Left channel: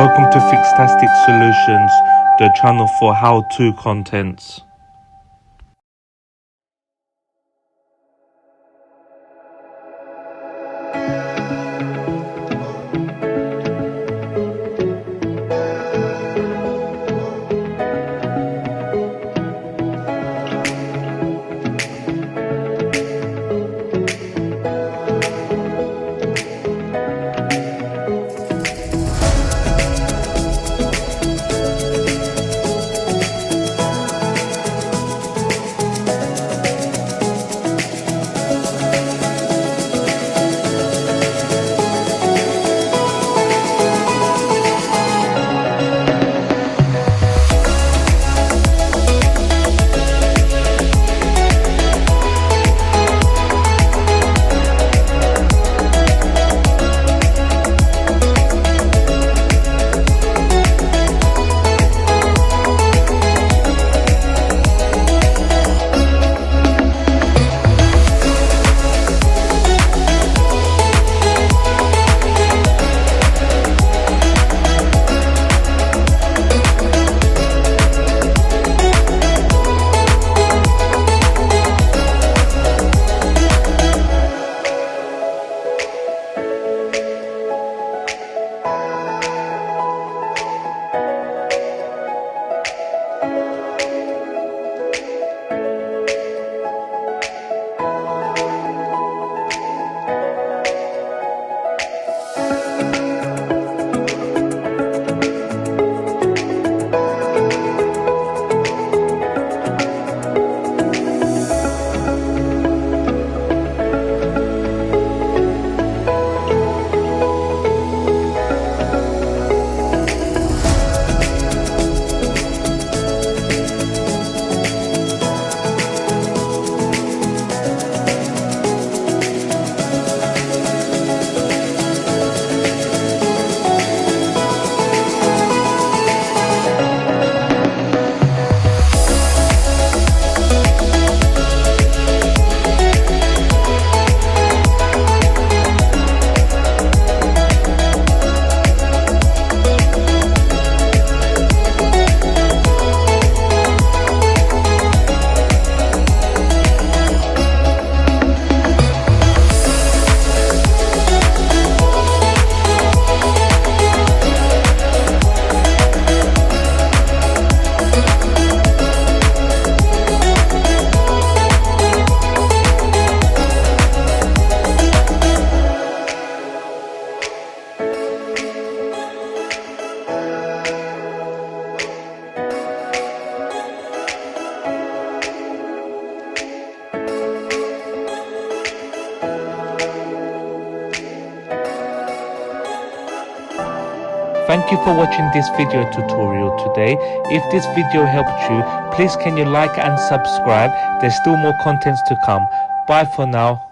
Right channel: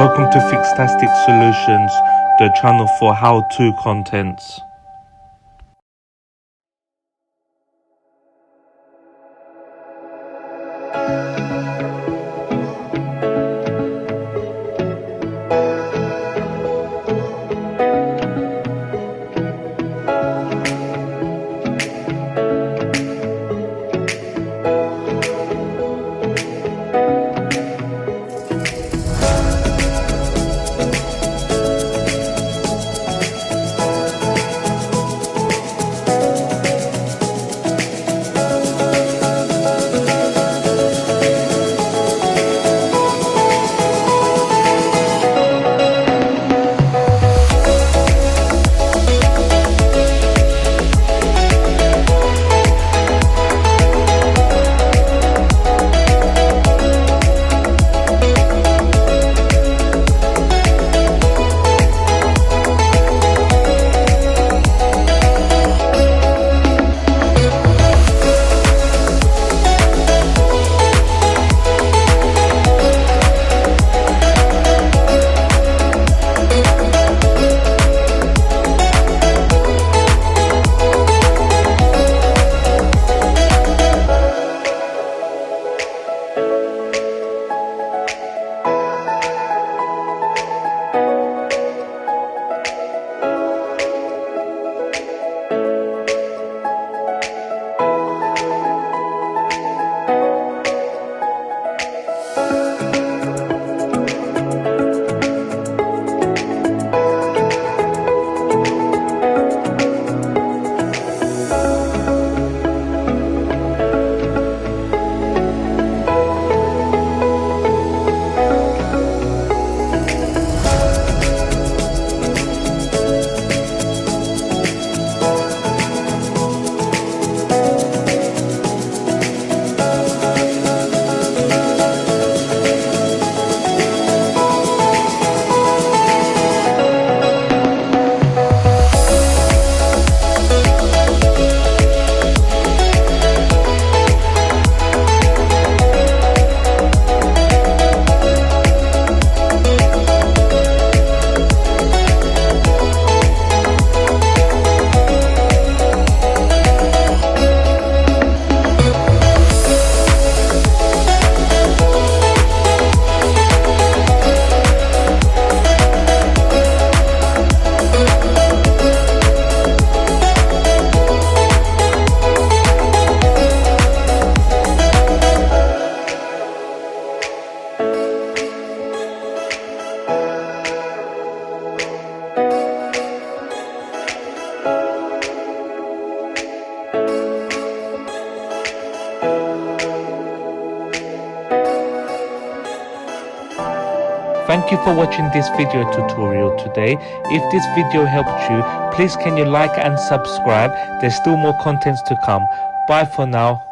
Welcome to FIXtastic Solutions, the channel for how-to contents. Thank you for watching this video tutorial today. If this video helped you, please can you like and subscribe. There's still more contents to come. Bye for now.